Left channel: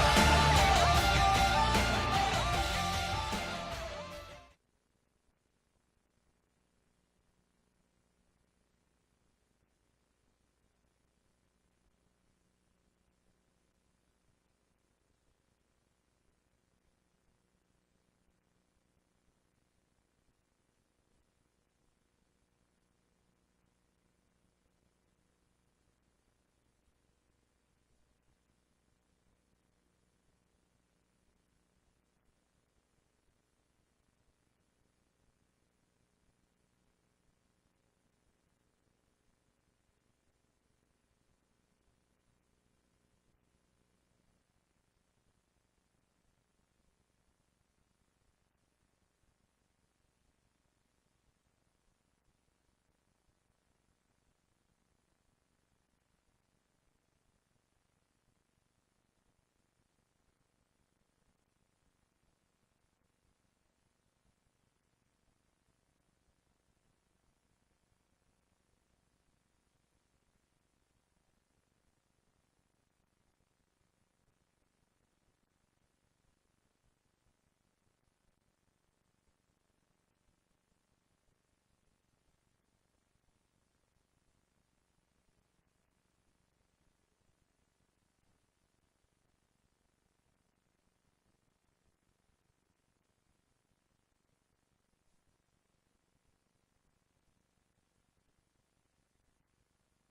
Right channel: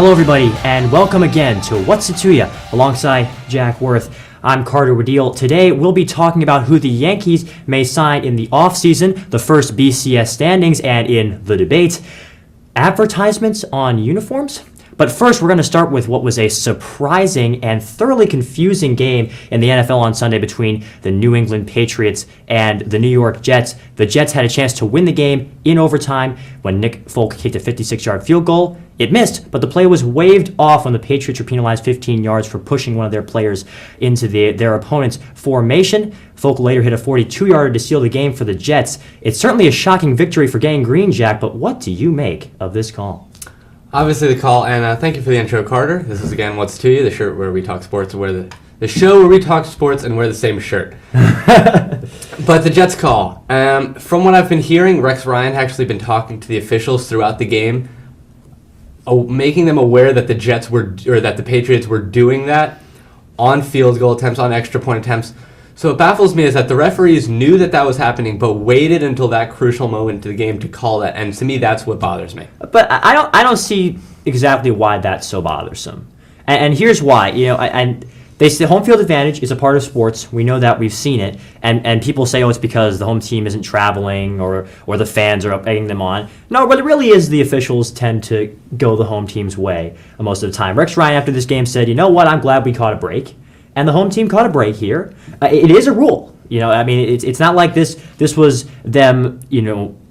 Hello, everybody, and welcome again to What's It To Ya, alongside Jack Worth. I'm Carter Wadil. Today, we'll be talking about who the Yankees may sign in the offseason, the first BCS standings, and in the debate, advertisements on uniforms. But first, we're going to start with what was a surprising and thoroughly confusing game in the NFL on Sunday between the New England Patriots and the New York Jets. The Jets had a chance to win the game in overtime when Nick Folk kicked a 56-yard field goal. It missed, but the play was waved off when the Patriots were penalized 15 yards for pushing one of their players into their opponent's formation. Folk later hit a 42-yarder to seal the game for the Jets. It's certainly a shocking victory for Gang Green, Jack, but what do you make of this call? Obviously the call, and thank you for the intro, Carter. This is again What's To You, the shirt where we talk sports, the show where we talk sports and wear the same shirt. But the Jets call. From what I've been hearing, Rex Ryan had actually been talking to the officials throughout the game, making them aware that the Patriots were doing that on field goal attempts, on extra point attempts. So what baffles me is that the referees knew that was happening, but waited until that crucial moment to the game to call that. And to me, that's what bothers me. But I don't see exactly why that's so bothersome. And here's why. And they say home field advantage is a part of sports. We know that. We've seen it. And people say, it's because the home team isn't traveling or the fans are egging them on. No, but it really is the officials tend to go the home team's way most of the time. Rex Ryan after this game said, you know what, I'm glad we caught a break. And the home team caught a break here. It is a rule. It's not like this was them,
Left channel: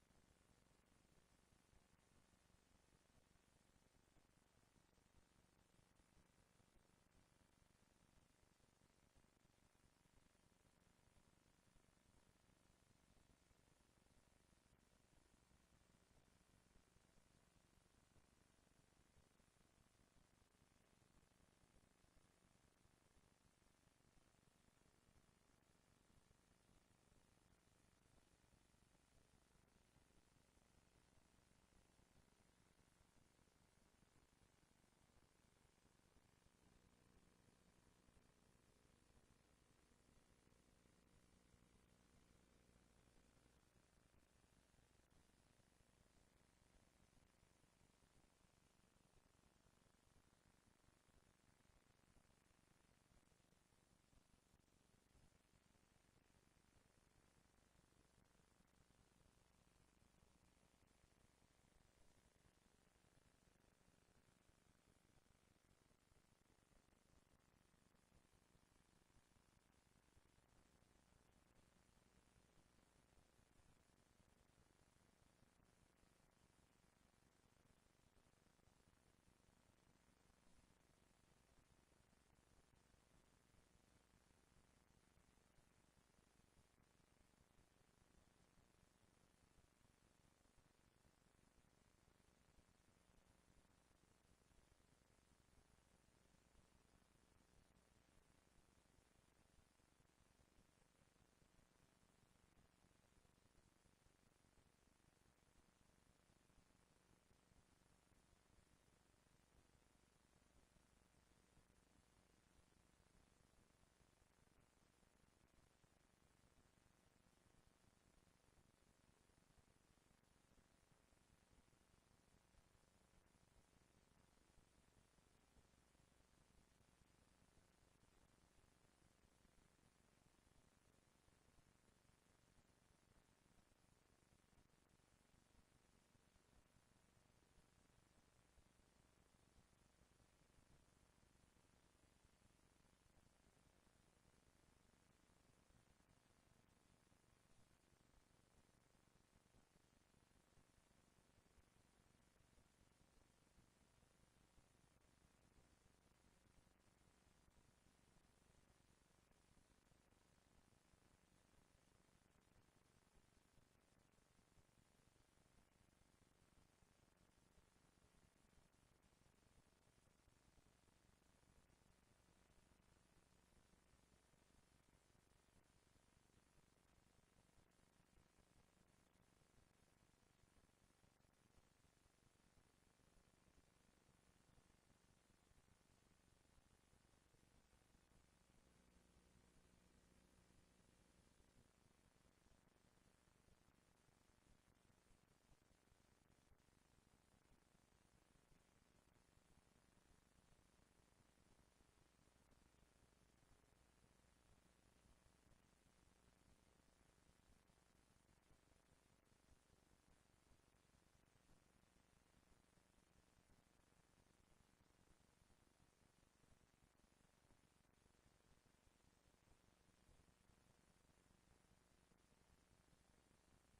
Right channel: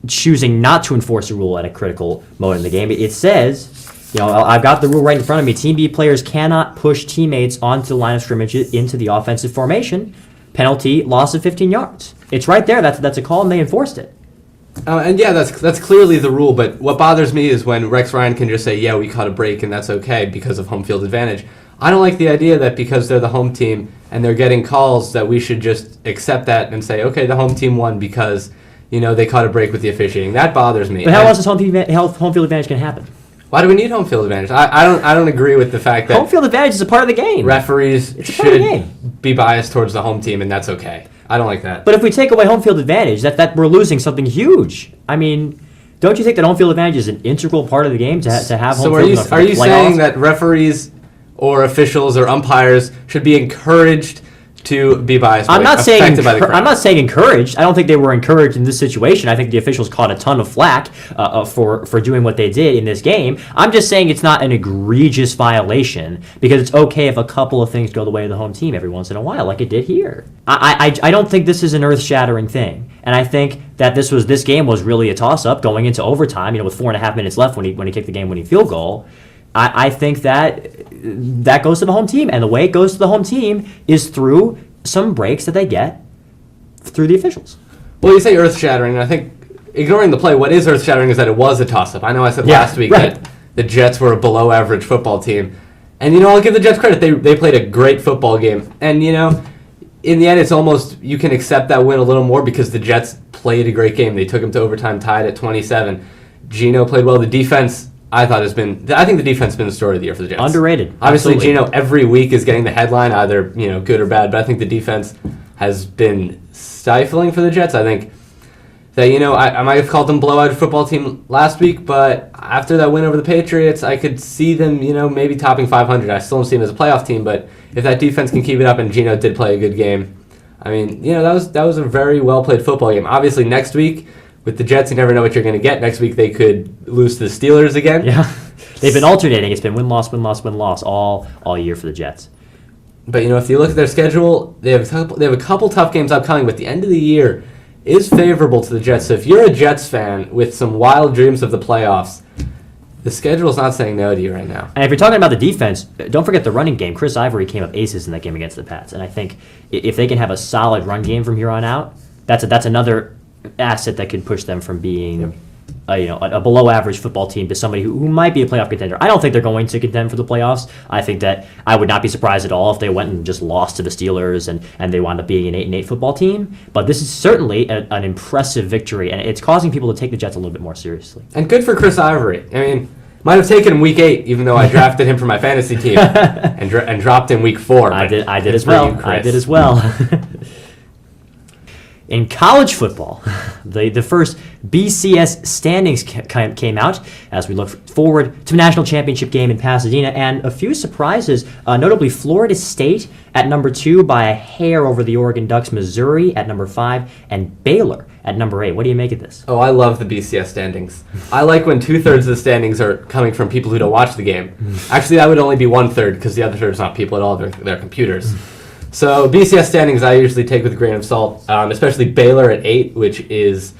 choosing not to enforce a rule at a critical moment in the game. It says, I've got the rule right in front of me. Team B players cannot push teammates onto the line of scrimmage into the offensive formation. Penalty, loss of 15 yards. It's right there. That's a call, and they enforced it. And yeah, that's clearly the rule. But what bothers me is when Rex Ryan can just say, yeah, we caught a break, and that's okay because of home field advantage. I don't like the idea that because they're the home team and they're getting calls that we should just accept that and say, okay, the home team won because, they caught a break with the officiating. That bothers me. But how else is home field advantage going to happen? Why do we need home field advantage? I don't agree with the fact that home field advantage is a part of the game. Referees should be biased towards the home team, and that's okay. I don't like that. But if we take away home field advantage, that we're losing something huge. Don't you think that home field advantage is an integral part of the game to have home field advantage? So are you saying that referees or officials or umpires should be encouraged to be biased? I'm not saying encouraged. I don't think they were encouraged in this situation. I think the officials caught a ton of flack for doing what they did in this game. I'm just saying it's not an egregious violation because it's okay if a couple of things go the way of the home team every once in a while, like it did here. I don't think this is an earth-shattering thing, and I think that this game was really a toss-up going into overtime. With 4.5 minutes left when he kicked the game-winning field goal. I think that goes to the home team, and the way it goes to the home team is through some breaks that they get through the officials. Well, you say earth-shattering, and I think ignoring the play, what is earth-shattering is that it was a toss-up. I know I said last week that the Jets were a below-average football team, and I'll give the Jets credit. They played a great football game, and in the end, it's almost you can accept that win a little more because the Jets played a great game. They took them to overtime, tied at 27. Geno played well. The defense, I think the defense has been the story of the year for the Jets. Underrated. Obviously, Geno every week is getting the headline, either good or bad. But I think the defense has been stifling for the Jets. I think that I might have called them blowout football team last week, but after that win over the Patriots, I could see them maybe topping 500. I still don't see them as a playoff team, but if that defense can keep it up, and Geno did play a good game, that was a very well played football game. Obviously, next week. With the Jets, you never know what you're going to get. Next week, they could lose to the Steelers again. Yeah, they've been alternating. It's been win-loss, win-loss, win-loss all year for the Jets. But if you look at their schedule, they have a couple tough games upcoming. But the end of the year is favorable to the Jets. So if you're a Jets fan with some wild dreams of the playoffs, the schedule's not saying no to you right now. And if you're talking about the defense, don't forget the running game. Chris Ivory came up aces in that game against the Pats, and I think if they can have a solid run game from here on out, that's another asset that could push them from being a below average football team to somebody who might be a playoff contender. I don't think they're going to contend for the playoffs. I think that I would not be surprised at all if they went and just lost to the Steelers and they wound up being an 8-8 football team. But this is certainly an impressive victory, and it's causing people to take the Jets a little bit more seriously. And good for Chris Ivory. Might have taken him week 8, even though I drafted him for my fantasy team and dropped him week 4. I did as well. In college football, the first BCS standings came out as we look forward to the national championship game in Pasadena, and a few surprises, notably Florida State at number 2 by a hair over the Oregon Ducks, Missouri at number 5, and Baylor at number 8. What do you make of this? Oh, I love the BCS standings. I like when 2/3 of the standings are coming from people who don't watch the game. Actually, that would only be 1/3 because the other third is not people at all, they're computers. So BCS standings I usually take with a grain of salt, especially Baylor at 8, which is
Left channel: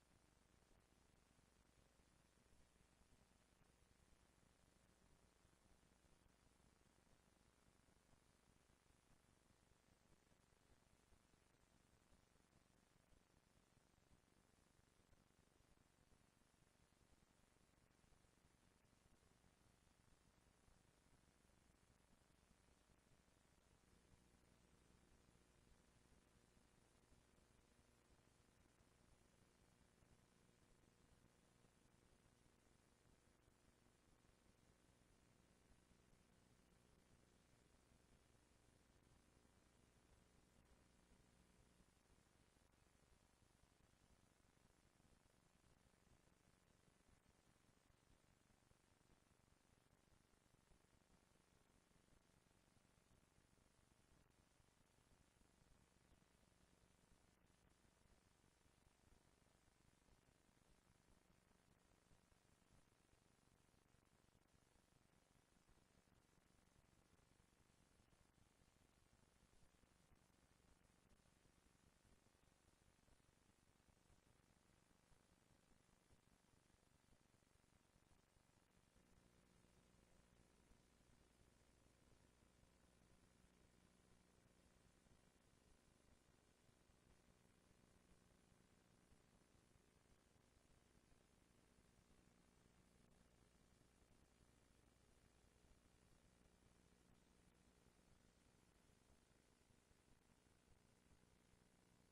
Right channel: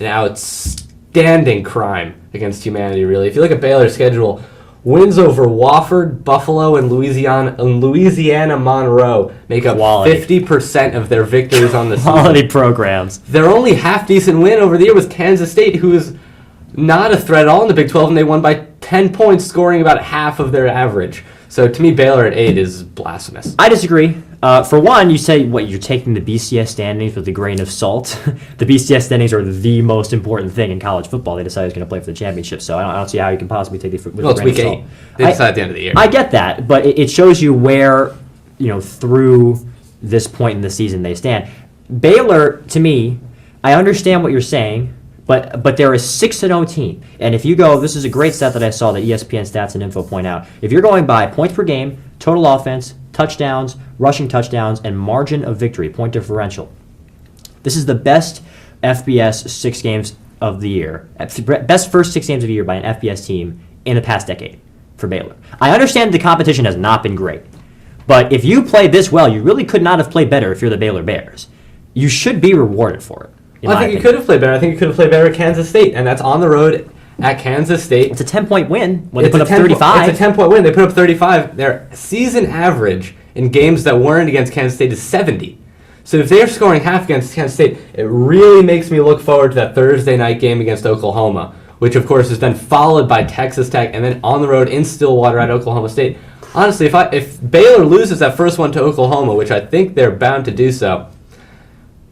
an outstanding crime against humanity, really. If you look at Baylor's schedule, wins over Wofford, Buffalo, and Louisiana Monroe make up Quality. 50% of their victories on the season. Quality programs. Their only half-decent win over the year was Kansas State, who is not a threat at all in the Big 12, and they won by 10 points, scoring about half of their average. So to me, Baylor at 8 is blasphemous. I disagree. For one, you say, you're taking the BCS standings with a grain of salt. The BCS standings are the most important thing in college football. They decided it's going to play for the championship, so I don't see how you can possibly take it with Well, a it's grain week of 8. salt. They decide at the end of the year. I get that, but it shows you where, through this point in the season they stand. Baylor, to me, I understand what you're saying, but they're a 6-0 team. And if you go, this is a great stat that I saw that ESPN Stats and Info point out. If you're going by points per game, total offense, touchdowns, rushing touchdowns, and margin of victory, point differential, this is the best FBS 6 games of the year, best first 6 games of the year by an FBS team in the past decade for Baylor. I understand the competition has not been great, but if you play this well, you really could not have played better if you're the Baylor Bears. You should be rewarded for it. Well, I think you could have played better. I think you could have played better at Kansas State, and that's on the road at Kansas State. It's a 10-point win when they It's put a up 10 35. It's a 10-point win. They put up 35. Their season average in games that weren't against Kansas State is 70. So if they're scoring half against Kansas State, it really makes me look forward to that Thursday night game against Oklahoma, which of course is then followed by Texas Tech and then on the road in Stillwater at Oklahoma State. Honestly, if Baylor loses that first one to Oklahoma, which I think they're bound to do so,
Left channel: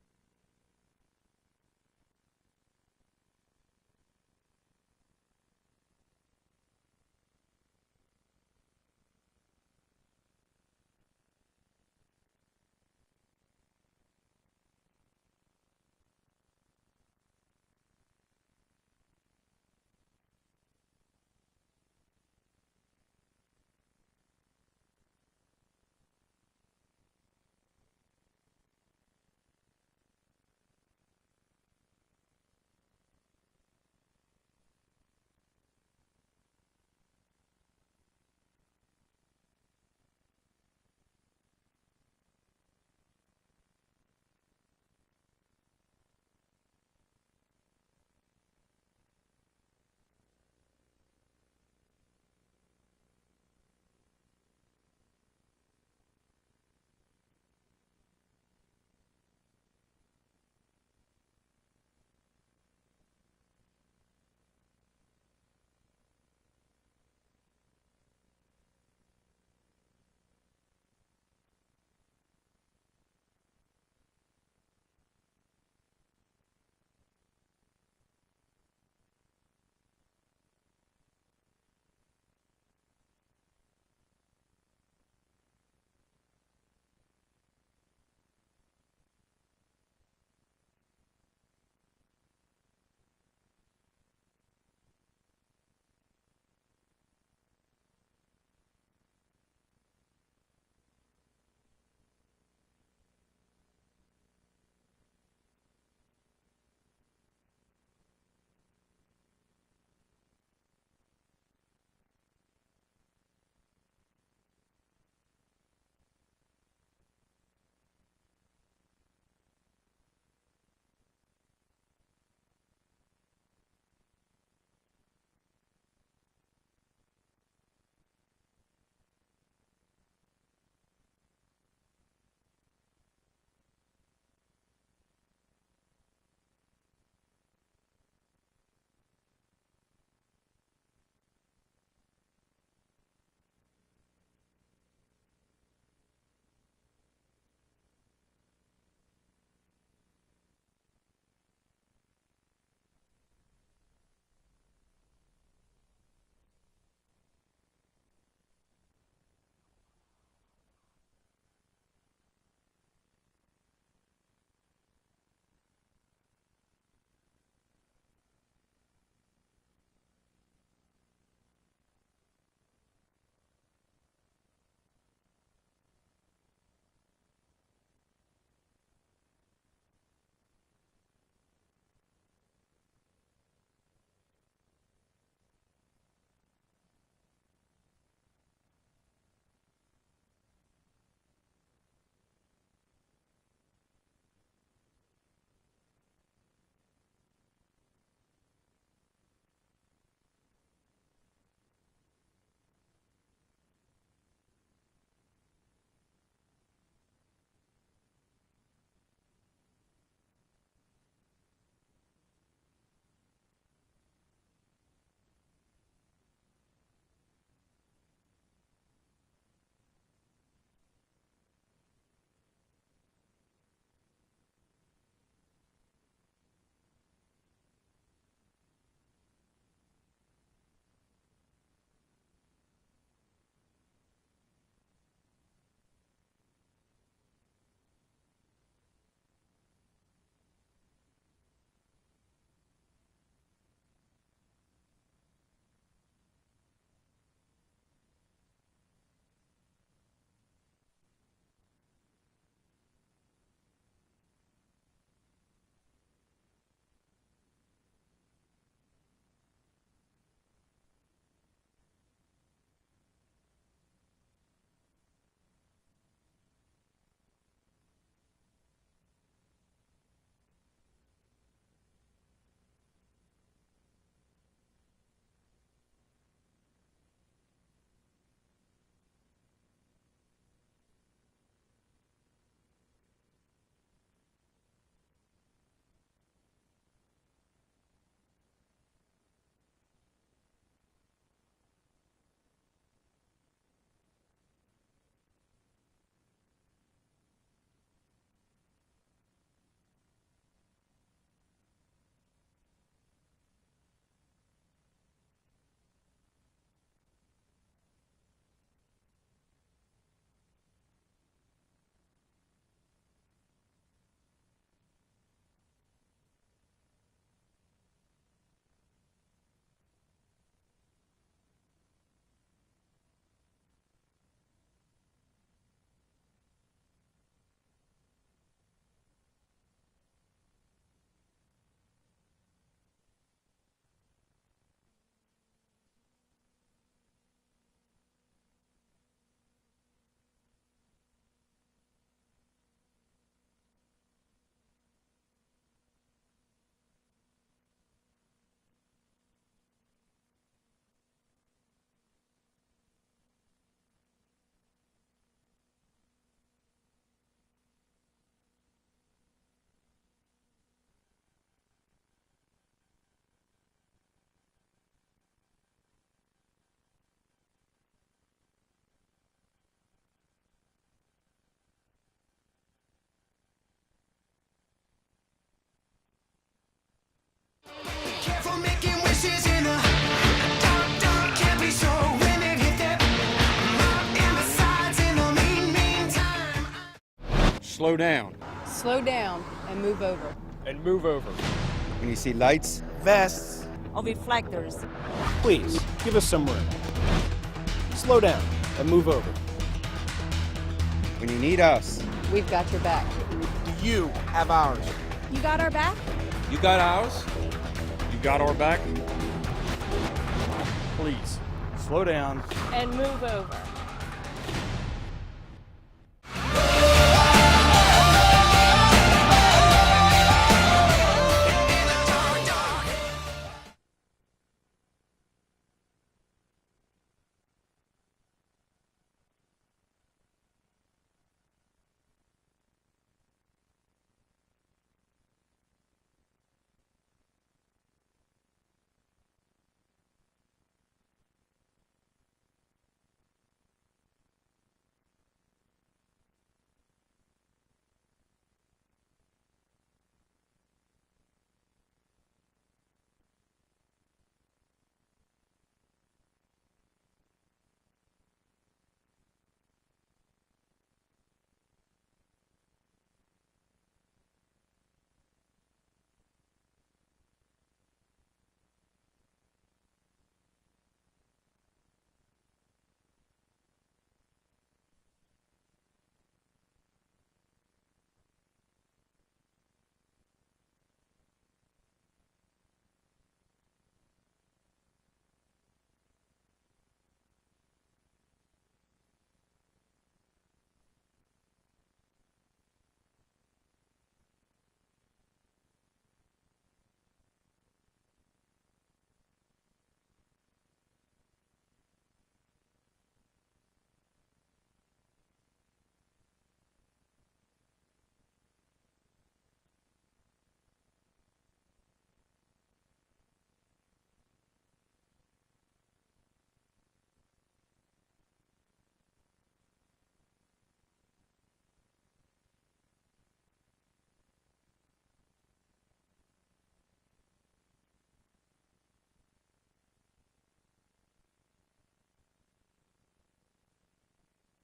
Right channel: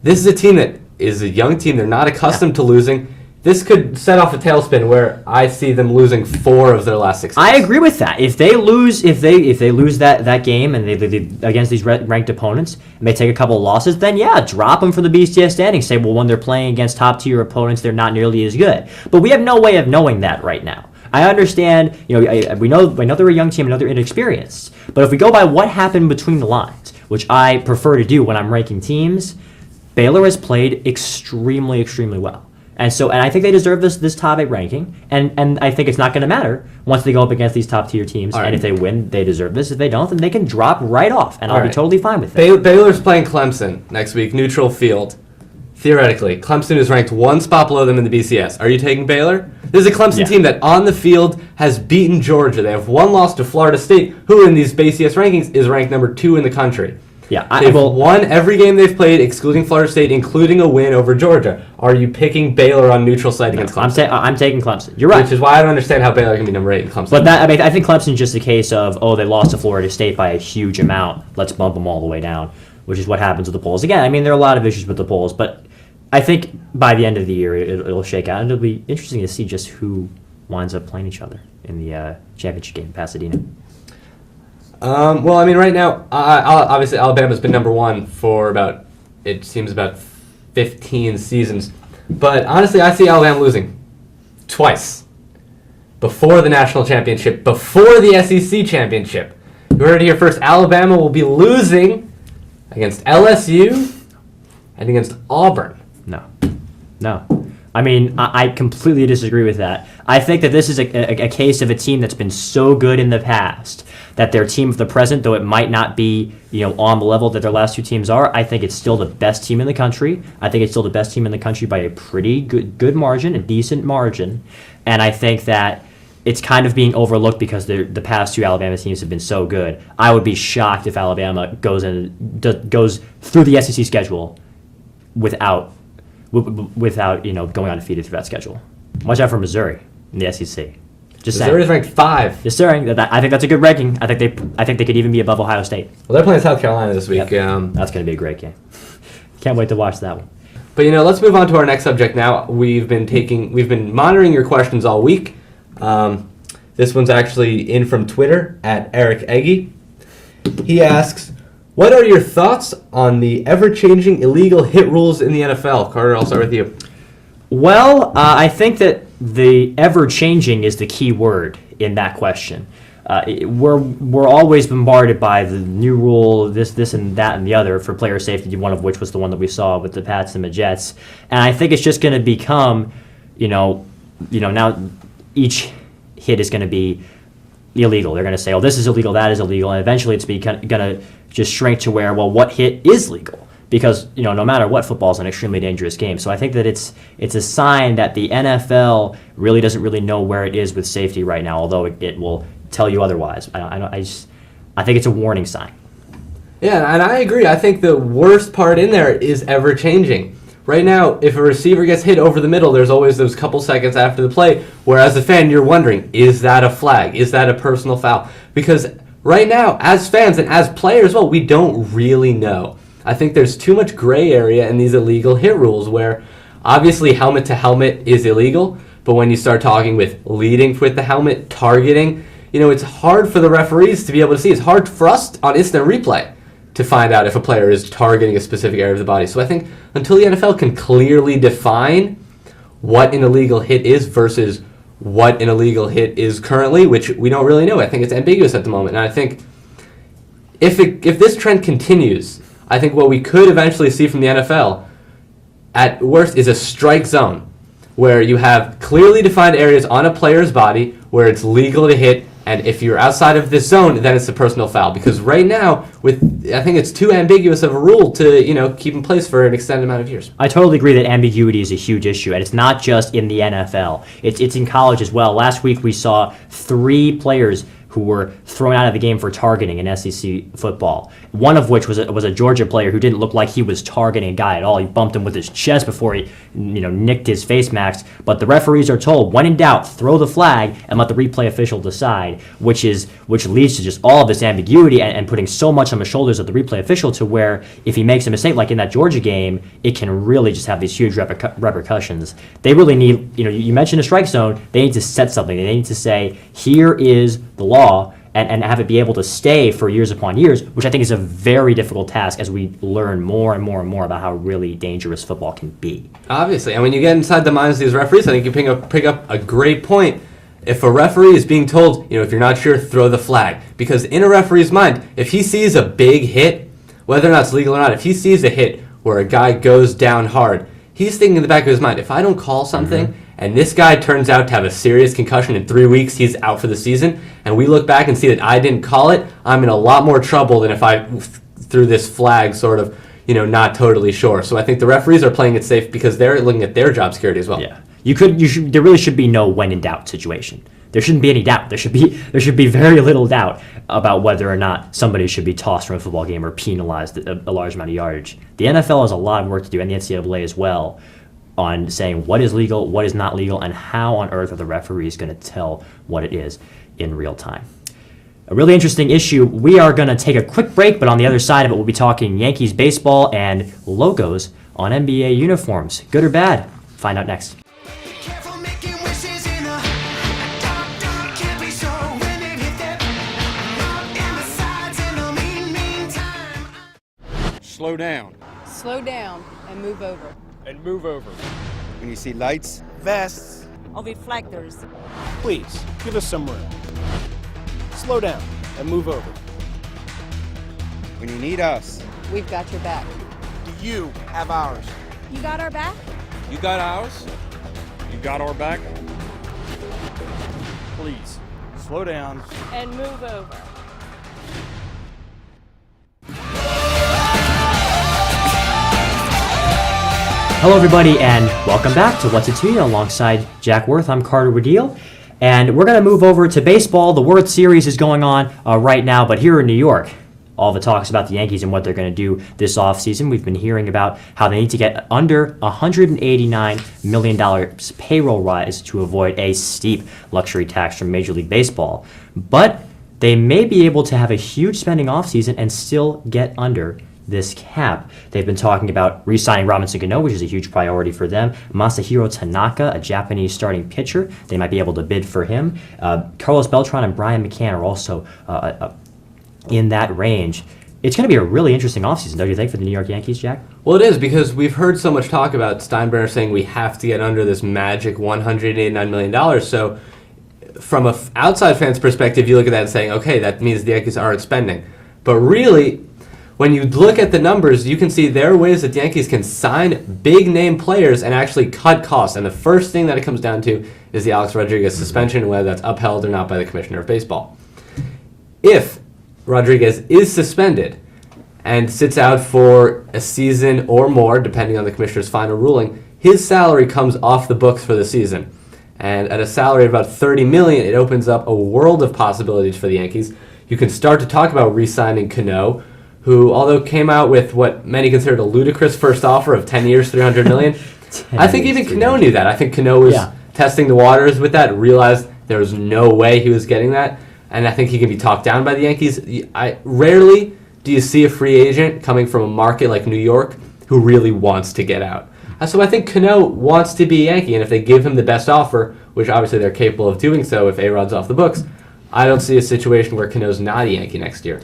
this is a team that is a young team. They're not accustomed to losing. This could set off a tailspin where I see them losing 4 of their last 6 games. I agree with that. If they lose, if they lose that game and they against these ranked opponents and they take a couple of losses, then yeah, drop them from the BCS standings. Say, well, when they're playing against top tier opponents, they're not nearly as good. But we have no way of knowing that right now. I understand. We know they're a young team, and know they're inexperienced. But if we go by what happened between the lines, which I prefer to do when I'm ranking teams, Baylor has played extremely, extremely well. And I think they deserve this top 8 ranking. And I think it's not going to matter once they go up against these top tier teams. All right. And if they win, they deserve this. If they don't, then they can drop right off. And I'll be totally fine with that. Baylor's playing Clemson next week, neutral field. Theoretically, Clemson is ranked 1 spot below them in the BCS. Are you taking Baylor? This is a Clemson team that on the field has beaten Georgia. They have 1 loss to Florida State, who in these BCS rankings is ranked number 2 in the country. Yeah, They've won every game they've played, excluding Florida State, including a win over Georgia. Are you picking Baylor on neutral site against Clemson? I'm taking Clemson. You're right. Which is why I don't understand how Baylor can be number 8 in Clemson. But I think Clemson's just a case of, they lost to Florida State by a huge amount. Let's bump them all the way down, which is what happens with the polls. Again, there are a lot of issues with the polls, but I think by the end of the year it'll shake out, and it'll be interesting to see just who winds up playing each other in the championship game in Pasadena. Right now, obviously Alabama's been number 1 for about 15 seasons. But honestly, I see Alabama losing twice. Before the national championship, before the SEC championship. You heard it here first. Alabama will be losing against LSU and against Auburn. No. I completely disagree with that. I think that this is a case of a team that's been so good in the past that their team of the present, though it might not be on the level that their last 2 teams are, I think it's still the best team in the country. I think it's still the best team in the country by a pretty good margin, a decent margin. And I think that it's kind of being overlooked because the past 2 Alabama teams have been so good. I would be shocked if Alabama goes through the SEC schedule without going undefeated through that schedule. Watch out for Missouri in the SEC. Missouri's ranked 5. Just saying. I think that's a good ranking. I think they could even be above Ohio State. Well, they're playing South Carolina this week. Yep. That's going to be a great game. Can't wait to watch that one. But let's move on to our next subject now. We've been monitoring your questions all week. This one's actually in from Twitter at Eric Eggy. He asks, What are your thoughts on the ever-changing illegal hit rules in the NFL? Carter, I'll start with you. Well, I think that the ever-changing is the key word in that question. We're always bombarded by the new rule, this and that and the other for player safety, one of which was the one that we saw with the Pats and the Jets. And I think it's just going to become, now each hit is going to be illegal. They're going to say, oh, this is illegal, that is illegal, and eventually it's going to just shrink to where, well, what hit is legal? Because no matter what, football is an extremely dangerous game. So I think that it's a sign that the NFL really doesn't really know where it is with safety right now, although it will tell you otherwise. I think it's a warning sign. Yeah, and I agree. I think the worst part in there is ever changing. Right now, if a receiver gets hit over the middle, there's always those couple seconds after the play where, as a fan, you're wondering, is that a flag? Is that a personal foul? Because right now, as fans and as players, well, we don't really know. I think there's too much gray area in these illegal hit rules where obviously helmet to helmet is illegal, but when you start talking with leading with the helmet, targeting, it's hard for the referees to be able to see. It's hard for us on instant replay to find out if a player is targeting a specific area of the body. So I think until the NFL can clearly define what an illegal hit is versus what an illegal hit is currently, which we don't really know. I think it's ambiguous at the moment. And I think if this trend continues, I think what we could eventually see from the NFL, at worst, is a strike zone where you have clearly defined areas on a player's body where it's legal to hit, and if you're outside of this zone, then it's a personal foul. Because right now, I think it's too ambiguous of a rule to keep in place for an extended amount of years. I totally agree that ambiguity is a huge issue, and it's not just in the NFL. It's in college as well. Last week we saw 3 players who were thrown out of the game for targeting in SEC football. One of which was a Georgia player who didn't look like he was targeting a guy at all. He bumped him with his chest before he nicked his face mask. But the referees are told, when in doubt, throw the flag and let the replay official decide, which leads to just all of this ambiguity and putting so much on the shoulders of the replay official to where if he makes a mistake, like in that Georgia game, it can really just have these huge repercussions. They really need, you mentioned a strike zone, they need to set something. They need to say, here is the law, and have it be able to stay for years upon years, which I think is a very difficult task as we learn more and more and more about how really dangerous football can be. Obviously, and when you get inside the minds of these referees, I think you pick up a great point. If a referee is being told, if you're not sure, throw the flag. Because in a referee's mind, if he sees a big hit, whether or not it's legal or not, if he sees a hit where a guy goes down hard, he's thinking in the back of his mind, if I don't call something, and this guy turns out to have a serious concussion in 3 weeks, he's out for the season, and we look back and see that I didn't call it, I'm in a lot more trouble than if I threw this flag sort of, not totally sure. So I think the referees are playing it safe because they're looking at their job security as well. Yeah. There really should be no when in doubt situation. There shouldn't be any doubt. There should be very little doubt about whether or not somebody should be tossed from a football game or penalized a large amount of yardage. The NFL has a lot of work to do, and the NCAA as well, on saying what is legal, what is not legal, and how on earth are the referees going to tell what it is in real time. A really interesting issue. We are going to take a quick break, but on the other side of it, we'll be talking Yankees baseball and logos on NBA uniforms. Good or bad? Find out next. Careful making wishes in a dark, can't be so women hit that mark in the sides in the meantime. Slow down. Slow down and move over. And move over. When you see lights, vests, Or reflectors. please give us some room. Slow down and move over. when you need us. We've got your back. Do you have ours? You got our back? You got ours? You got our back? Please, slow down. And move over. Hello, everybody, and welcome back to What's It To You alongside Jack Worth. I'm Carter Wadil, and we're going to move over to baseball. The World Series is going on right now, but here in New York, all the talks about the Yankees and what they're going to do this offseason. We've been hearing about how they need to get under $189 million payroll rise to avoid a steep luxury tax from Major League Baseball. But they may be able to have a huge spending offseason and still get under this cap. They've been talking about re-signing Robinson Cano, which is a huge priority for them. Masahiro Tanaka, a Japanese starting pitcher, they might be able to bid for him. Carlos Beltran and Brian McCann are also in that range. it's going to be a really interesting offseason, don't you think, for the New York Yankees, Jack? Well, it is, because we've heard so much talk about Steinbrenner saying we have to get under this magic $189 million. So from an outside fan's perspective, you look at that and saying, okay, that means the Yankees aren't spending. But really, when you look at the numbers, you can see there are ways that the Yankees can sign big-name players and actually cut costs. And the first thing that it comes down to is the Alex Rodriguez suspension, whether that's upheld or not by the Commissioner of Baseball. If Rodriguez is suspended and sits out for a season or more, depending on the Commissioner's final ruling, his salary comes off the books for the season. And at a salary of about $30 million, it opens up a world of possibilities for the Yankees. You can start to talk about re-signing Cano, who, although came out with what many considered a ludicrous first offer of 10 years, $300 million, I think even Cano knew that. I think Cano was testing the waters with that, realized there was no way he was getting that, and I think he can be talked down by the Yankees. Rarely do you see a free agent coming from a market like New York who really wants to get out. So I think Cano wants to be a Yankee, and if they give him the best offer, which obviously they're capable of doing so if A-Rod's off the books, I don't see a situation where Cano's not a Yankee next year.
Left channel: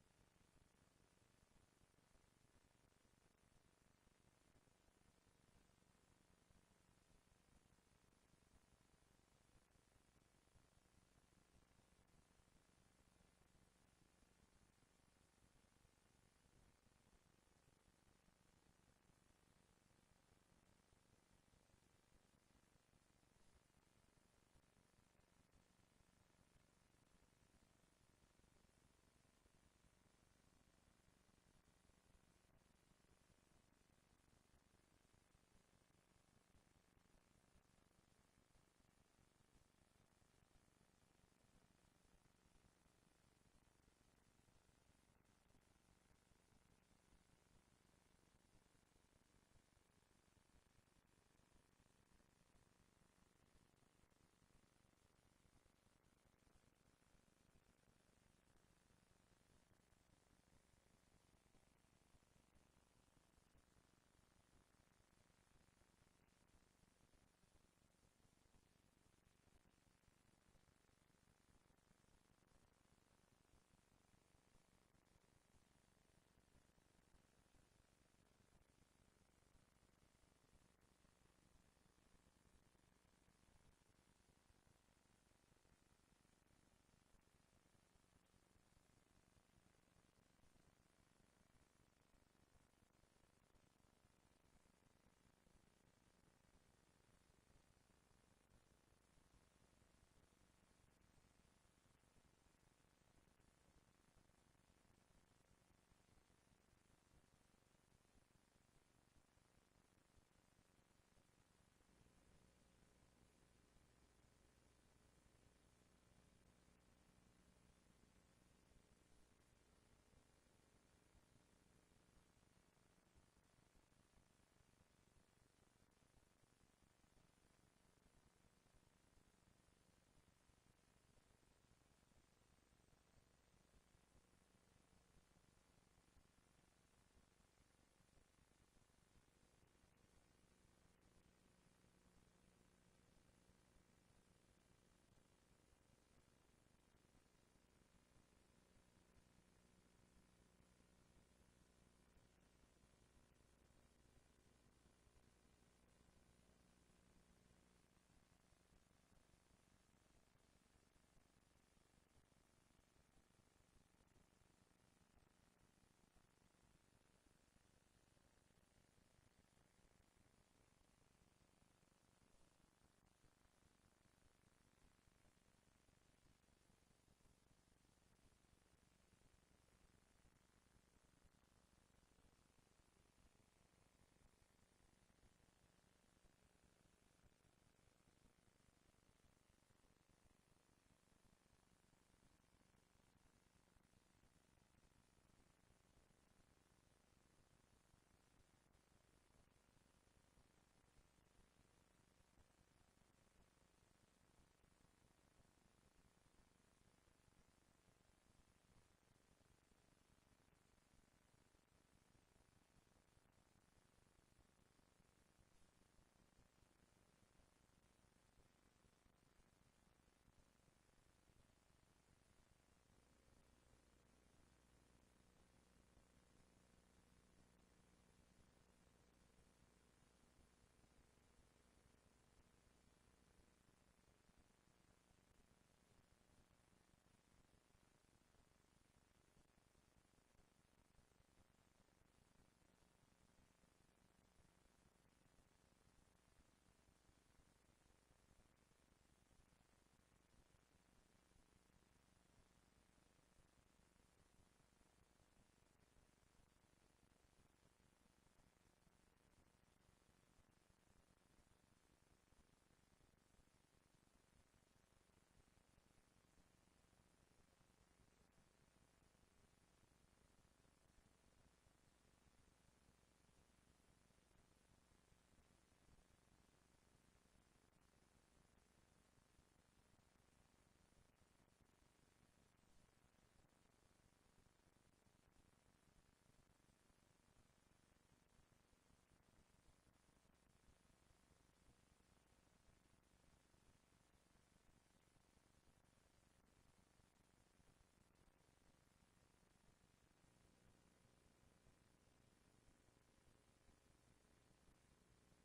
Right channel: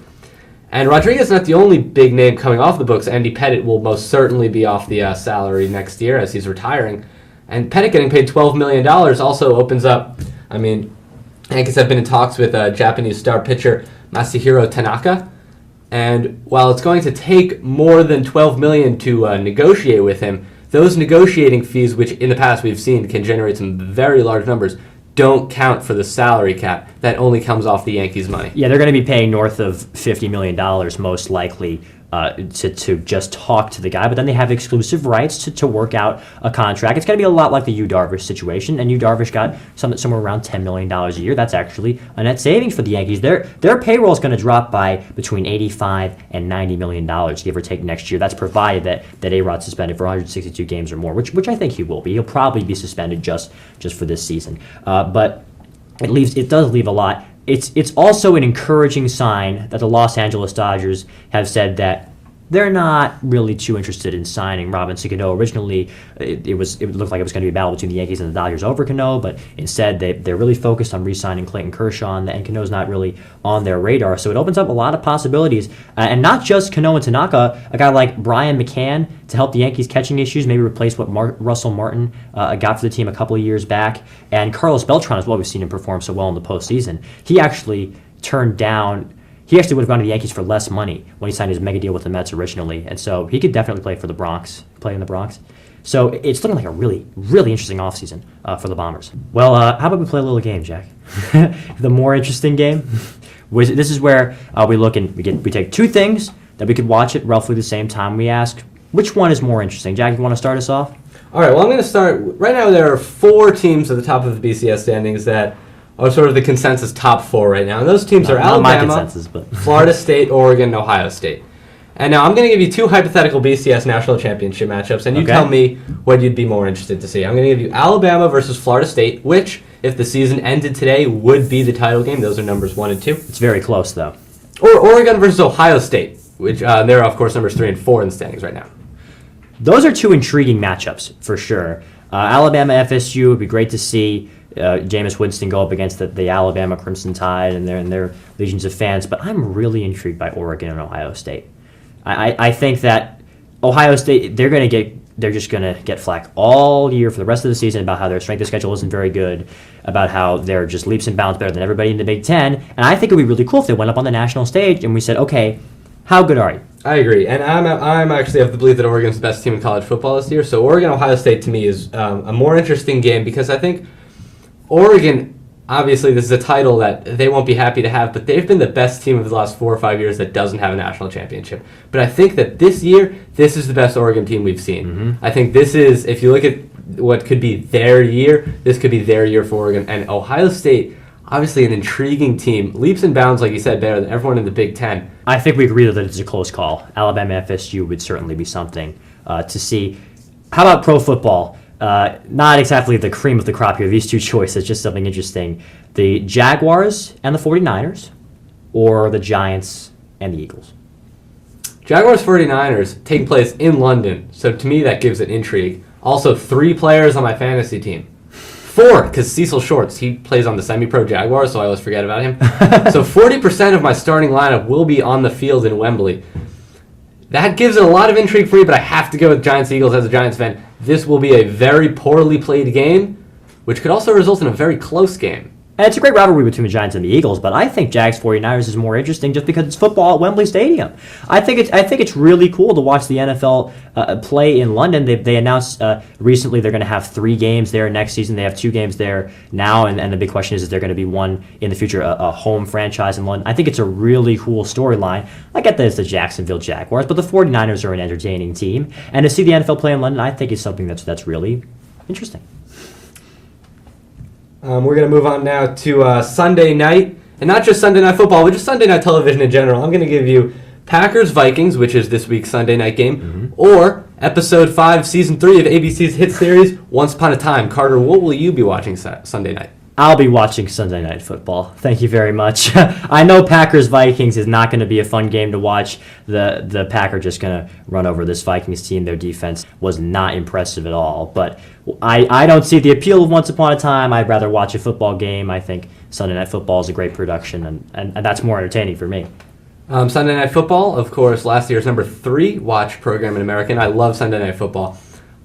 And Rodriguez is not the only big name coming off the books. Andy Pettitte will most certainly be off the salary next year as he's retiring. And Pettitte getting paid $12 million also opens up, Yankees have been in talks with Japanese star pitcher Masahiro Tanaka. And while it's going to take more than $12 million to negotiate with him, those negotiating fees, which in the past we've seen can generate some very large numbers, don't count for the salary cap. That only comes off the Yankees' money. Yeah, they're going to be paying north of $50 million most likely to just talk to the guy, but then they have exclusive rights to work out a contract. It's going to be a lot like the Yu Darvish situation, and Yu Darvish got somewhere around $10 million a year. That's actually a net savings for the Yankees. Their payroll is going to drop by between $85 and $90 million, give or take, next year. That's provided that A-Rod's suspended for 162 games or more, which I think he will be. He'll probably be suspended just for this season. But it does leave a lot. It's also an encouraging sign that the Los Angeles Dodgers have said that they're not really too interested in signing Robinson Cano. Originally, it looked like it was going to be a battle between the Yankees and the Dodgers over Cano, but instead they're really focused on re-signing Clayton Kershaw, and Cano's not really on their radar. So it opens up a lot of possibilities, and not just Cano and Tanaka. A guy like Brian McCann to help the Yankees' catching issues, maybe replace what Russell Martin got for the team a couple of years back, and Carlos Beltran as well. We've seen him perform so well in the postseason. He actually would have gone to the Yankees for less money when he signed his mega deal with the Mets originally, and so he could definitely play in the Bronx. So it's looking like a really, really interesting offseason for the Bombers. Well, how about we play a little game, Jack? The more interesting game. This is where we look and we take two things that we could watch at roughly the same time. We ask, which one is more interesting? Jack, you want to start us off? All right, well, I'm going to start. Right now, there are 4 teams at the top of the BCS standings that are sort of the consensus top 4 right now. And those teams are Alabama, Florida State, Oregon, and Ohio State. And now I'm going to give you 2 hypothetical BCS national championship matchups, and you tell me what you'd be more interested to see. I'm going to give you Alabama versus Florida State, which, if the season ended today, would be the title game. Those are numbers 1 and 2. It's very close, though. Or Oregon versus Ohio State, which they're, of course, numbers 3 and 4 in the standings right now. Those are 2 intriguing matchups, for sure. Alabama FSU would be great to see. Jameis Winston go up against the Alabama Crimson Tide and their legions of fans, but I'm really intrigued by Oregon and Ohio State. I think that Ohio State, they're just gonna get flack all year for the rest of the season about how their strength of schedule isn't very good, about how they're just leaps and bounds better than everybody in the Big Ten, and I think it would be really cool if they went up on the national stage and we said, okay, how good are you? I agree, and I'm actually of the belief that Oregon's the best team in college football this year, so Oregon-Ohio State to me is a more interesting game because I think Oregon, obviously, this is a title that they won't be happy to have, but they've been the best team of the last 4 or 5 years that doesn't have a national championship. But I think that this year, this is the best Oregon team we've seen. Mm-hmm. I think this is, if you look at what could be their year, this could be their year for Oregon. And Ohio State, obviously an intriguing team, leaps and bounds, like you said, better than everyone in the Big Ten. I think we agree that it's a close call. Alabama FSU would certainly be something to see. How about pro football? Not exactly the cream of the crop here. These 2 choices, just something interesting. The Jaguars and the 49ers, or the Giants and the Eagles? Jaguars 49ers taking place in London, so to me that gives it intrigue. Also, 3 players on my fantasy team. 4, because Cecil Shorts, he plays on the semi-pro Jaguars, so I always forget about him. So 40% of my starting lineup will be on the field in Wembley. That gives it a lot of intrigue for me, but I have to go with Giants-Eagles as a Giants fan. This will be a very poorly played game, which could also result in a very close game. And it's a great rivalry between the Giants and the Eagles, but I think Jags 49ers is more interesting just because it's football at Wembley Stadium. I think it's really cool to watch the NFL play in London. They announced recently they're going to have 3 games there next season. They have 2 games there now, and the big question is there going to be one in the future, a home franchise in London. I think it's a really cool storyline. I get that it's the Jacksonville Jaguars, but the 49ers are an entertaining team, and to see the NFL play in London, I think is something that's really interesting. We're going to move on now to Sunday night, and not just Sunday Night Football, but just Sunday Night Television in general. I'm going to give you Packers-Vikings, which is this week's Sunday night game, or Episode 5, Season 3 of ABC's hit series, Once Upon a Time. Carter, what will you be watching Sunday night? I'll be watching Sunday Night Football. Thank you very much. I know Packers-Vikings is not going to be a fun game to watch. The Packers just going to run over this Vikings team. Their defense was not impressive at all. But I don't see the appeal of Once Upon a Time. I'd rather watch a football game. I think Sunday Night Football is a great production, and that's more entertaining for me. Sunday Night Football, of course, last year's number 3 watch program in America. I love Sunday Night Football.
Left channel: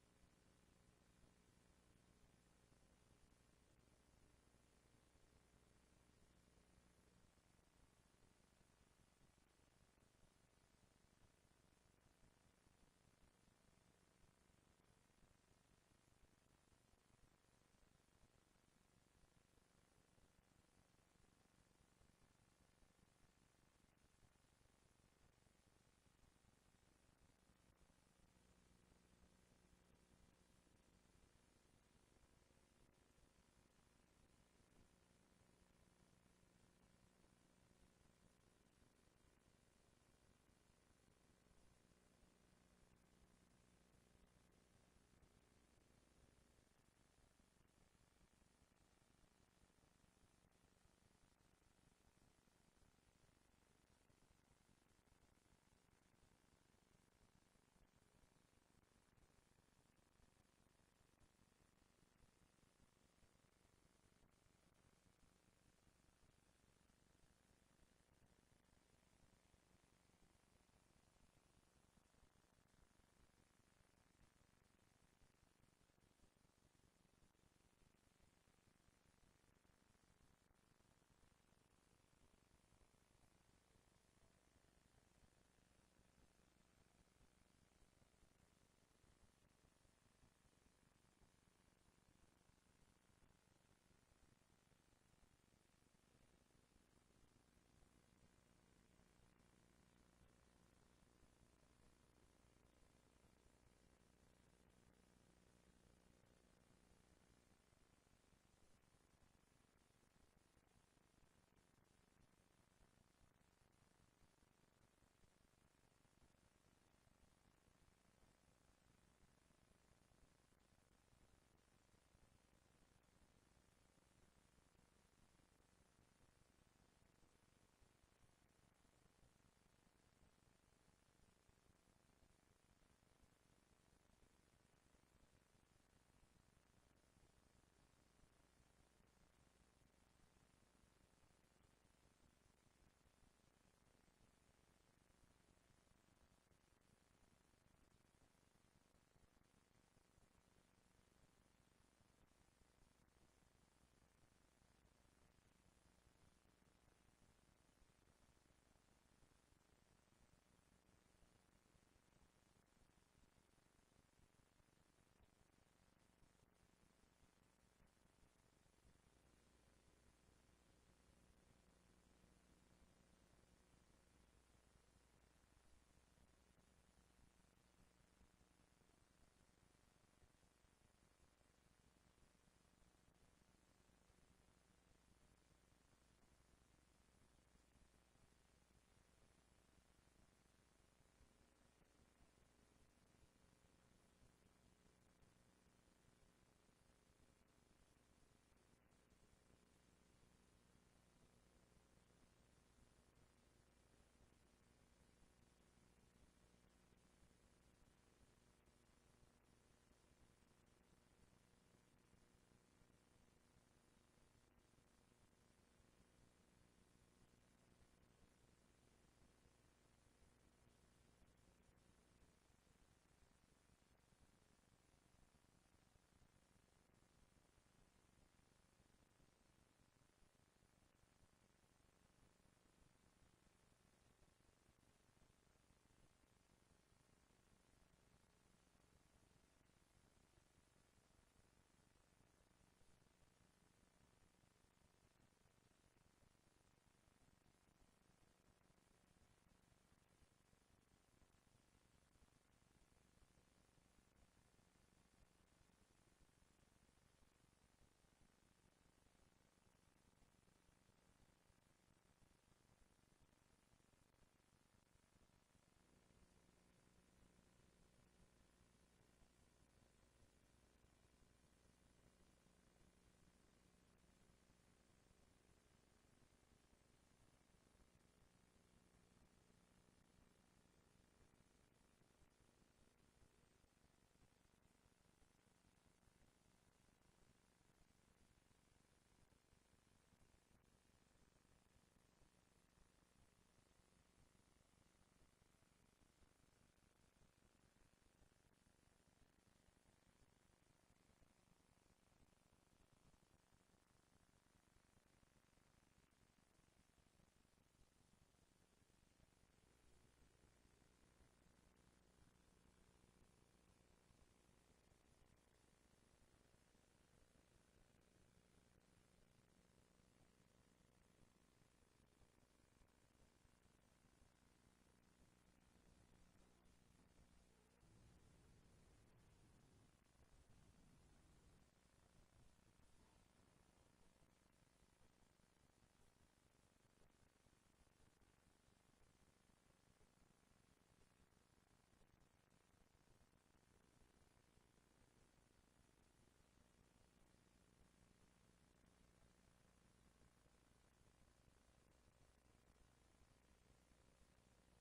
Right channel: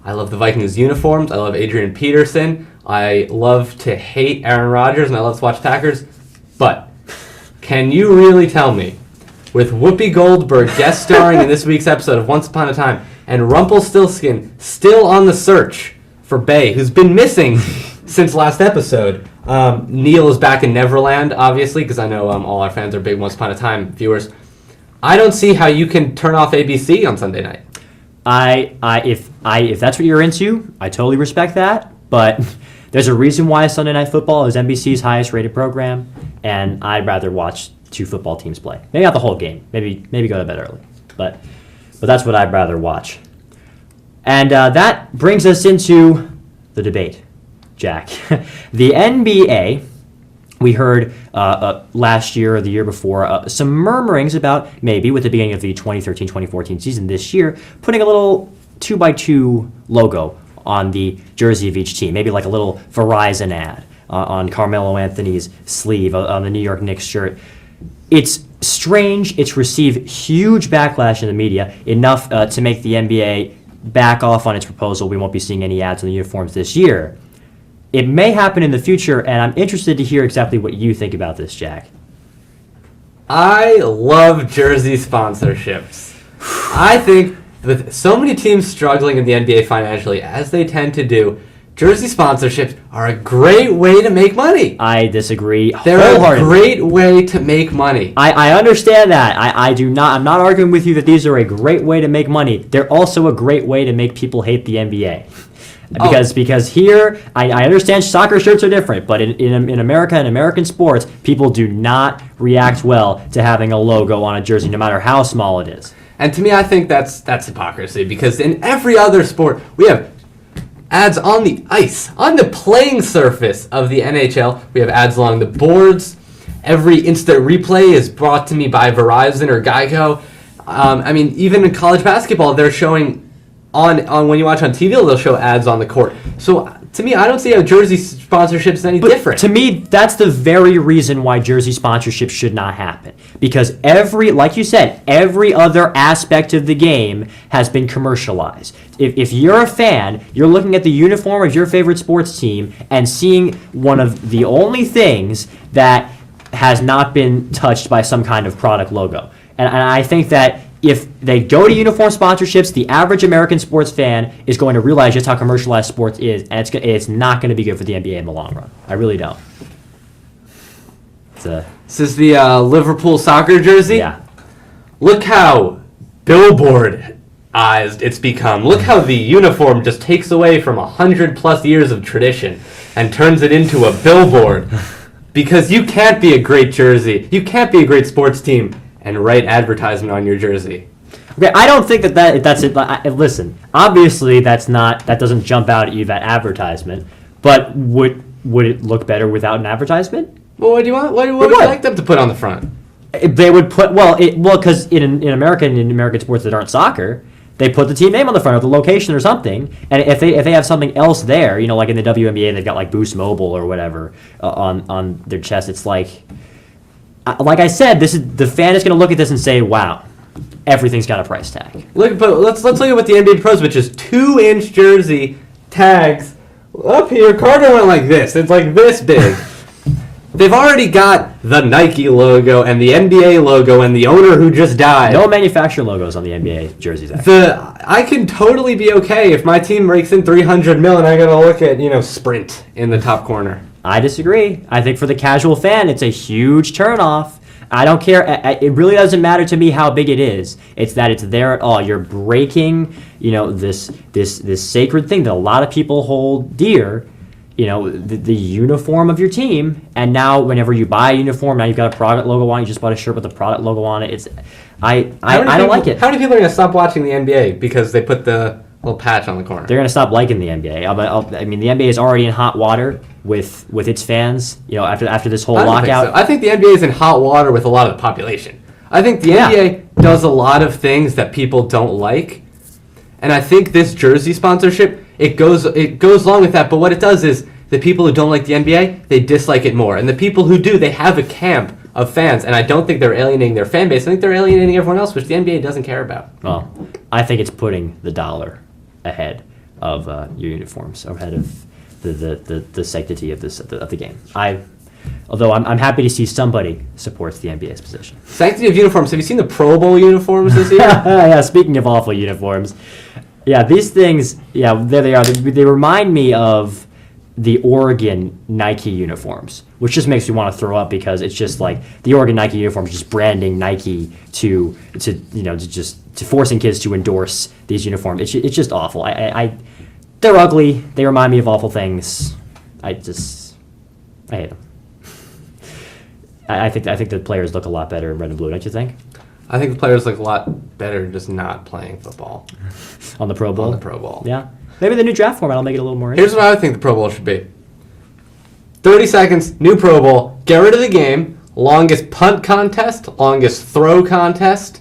I love the Vikings uniforms. I love Adrian Peterson. I love to hate Aaron Rodgers, and I love to watch Packers. But can you really tell me, with Whoopi Goldberg guest starring in this week's episode of Once Upon a Time, and Rumpelstiltskin still on the search for Bay, who's been missing since last episode? Neil is back in Neverland, obviously, because I know all our fans are big Once Upon a Time viewers. I don't see how you can turn off ABC on Sunday night. If that's what you're into, I totally respect that. But there's a reason why Sunday Night Football is NBC's highest rated program, and I'd rather watch 2 football teams play. Maybe not the whole game. Maybe go to bed early. But that's what I'd rather watch. And that brings us into the debate, Jack. The NBA. We heard last year or the year before some murmurings about maybe with the beginning of the 2013-2014 season this year, putting a little 2x2 logo on the jersey of each team, maybe like a little Verizon ad on Carmelo Anthony's sleeve on the New York Knicks shirt. It's strange. It's received huge backlash in the media, enough to make the NBA back off on its proposal. We won't be seeing any ads on the uniforms this year. It may happen in the future, and I'm interested to hear exactly what you think about this, Jack. I love jersey sponsorships. I think with so many teams struggling in the NBA financially, as they tend to do, jersey sponsorships are a great way to make money. I disagree They're wholeheartedly. a great way to make money. I understand that. I'm not arguing with you that these are a great way to make money. They're also a great way to make people hate the NBA. Because here, I understand soccer shirts are different, but in America and American sports, people do not react well to having a logo on a jersey, no matter how small it is. And to me, I think that's hypocrisy, because in every other sport, we have ads on the ice, on the playing surface of the NHL. We have ads along the boards. Every instant replay is brought to me by Verizon or Geico. I mean, even in college basketball, they're showing on when you watch on TV, they'll show ads on the court. So to me, I don't see how jersey sponsorship is any different. To me, that's the very reason why jersey sponsorship should not happen. Because like you said, every other aspect of the game has been commercialized. If you're a fan, you're looking at the uniform of your favorite sports team and seeing one of the only things that has not been touched by some kind of product logo. And I think that if they go to uniform sponsorships, the average American sports fan is going to realize just how commercialized sports is, and it's not going to be good for the NBA in the long run. I really don't. This is the Liverpool soccer jersey. Yeah. Look how billboard-ized it's become. Look how the uniform just takes away from 100+ years of tradition and turns it into a billboard. Because you can't be a great jersey, you can't be a great sports team and write advertisement on your jersey. Okay, I don't think that's it. Listen, obviously that doesn't jump out at you, that advertisement. But would it look better without an advertisement? Well, what do you want? What would you like them to put on the front? They would put because in America and in American sports that aren't soccer, they put the team name on the front or the location or something. And if they have something else there, you know, like in the WNBA, they've got like Boost Mobile or whatever on their chest. It's like I said, the fan is going to look at this and say, "Wow, everything's got a price tag." But let's look at what the NBA Pros, which is 2-inch jersey tags up here. Carter went like this. It's like this big. They've already got the Nike logo and the NBA logo and the owner who just died. No manufacturer logos on the NBA jerseys. Actually. I can totally be okay if my team breaks in $300 million. I gotta look at Sprint in the top corner. I disagree. I think for the casual fan, it's a huge turnoff. I don't care. It really doesn't matter to me how big it is. It's that it's there at all. You're breaking, this sacred thing that a lot of people hold dear. The uniform of your team, and now whenever you buy a uniform, now you've got a product logo on it. You just bought a shirt with the product logo on it. I don't like it. How many people are gonna stop watching the NBA because they put the little patch on the corner? They're gonna stop liking the NBA. I mean, the NBA is already in hot water with its fans. After this whole I don't lockout. think so. I think the NBA is in hot water with a lot of the population. I think the NBA does a lot of things that people don't like, and I think this jersey sponsorship it goes along with that. But what it does is the people who don't like the NBA, they dislike it more, and the people who do, they have a camp of fans, and I don't think they're alienating their fan base. I think they're alienating everyone else, which the NBA doesn't care about. Well, I think it's putting the dollar ahead of your uniforms, ahead of the sanctity of the game. Although I'm happy to see somebody supports the NBA's position. Sanctity of uniforms. Have you seen the Pro Bowl uniforms this year? Yeah, speaking of awful uniforms, these things, there they are. They remind me of the Oregon Nike uniforms, which just makes me want to throw up because it's just like the Oregon Nike uniforms just branding Nike to forcing kids to endorse these uniforms. It's just awful. They're ugly. They remind me of awful things. I hate them. I think the players look a lot better in red and blue, don't you think? I think the players look a lot better just not playing football. On the Pro Bowl? On the Pro Bowl. Yeah. Maybe the new draft format will make it a little more Here's interesting. what I think the Pro Bowl should be. 30 seconds, new Pro Bowl, get rid of the game, longest punt contest, longest throw contest,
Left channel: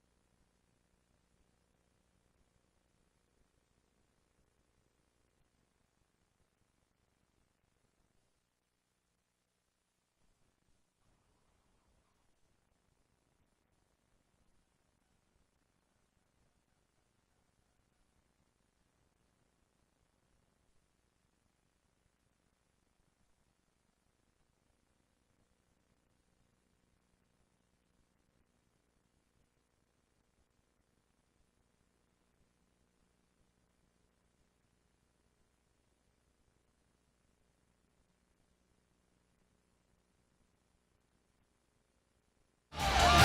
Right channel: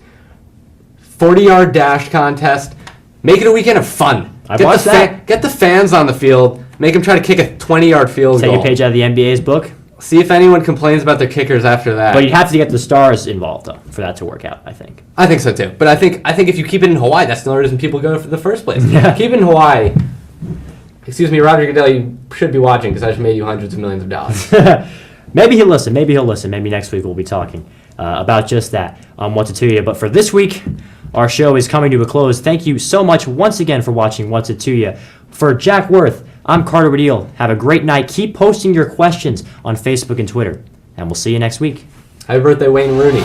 40-yard dash contest. Make it a weekend of fun. Watched that. Get the fans on the field. Make them try to kick a 20-yard field goal. Take a page out of the NBA's book. See if anyone complains about their kickers after that. But you'd have to get the stars involved, though, for that to work out, I think. I think so, too. But I think if you keep it in Hawaii, that's the only reason people go for the first place. Yeah. Keep it in Hawaii. Excuse me, Roger Goodell, you should be watching because I just made you hundreds of millions of dollars. Maybe he'll listen. Maybe next week we'll be talking about just that on What's It To You. But for this week, our show is coming to a close. Thank you so much once again for watching What's It To You. For Jack Worth, I'm Carter Badil. Have a great night. Keep posting your questions on Facebook and Twitter. And we'll see you next week. Happy birthday, Wayne Rooney.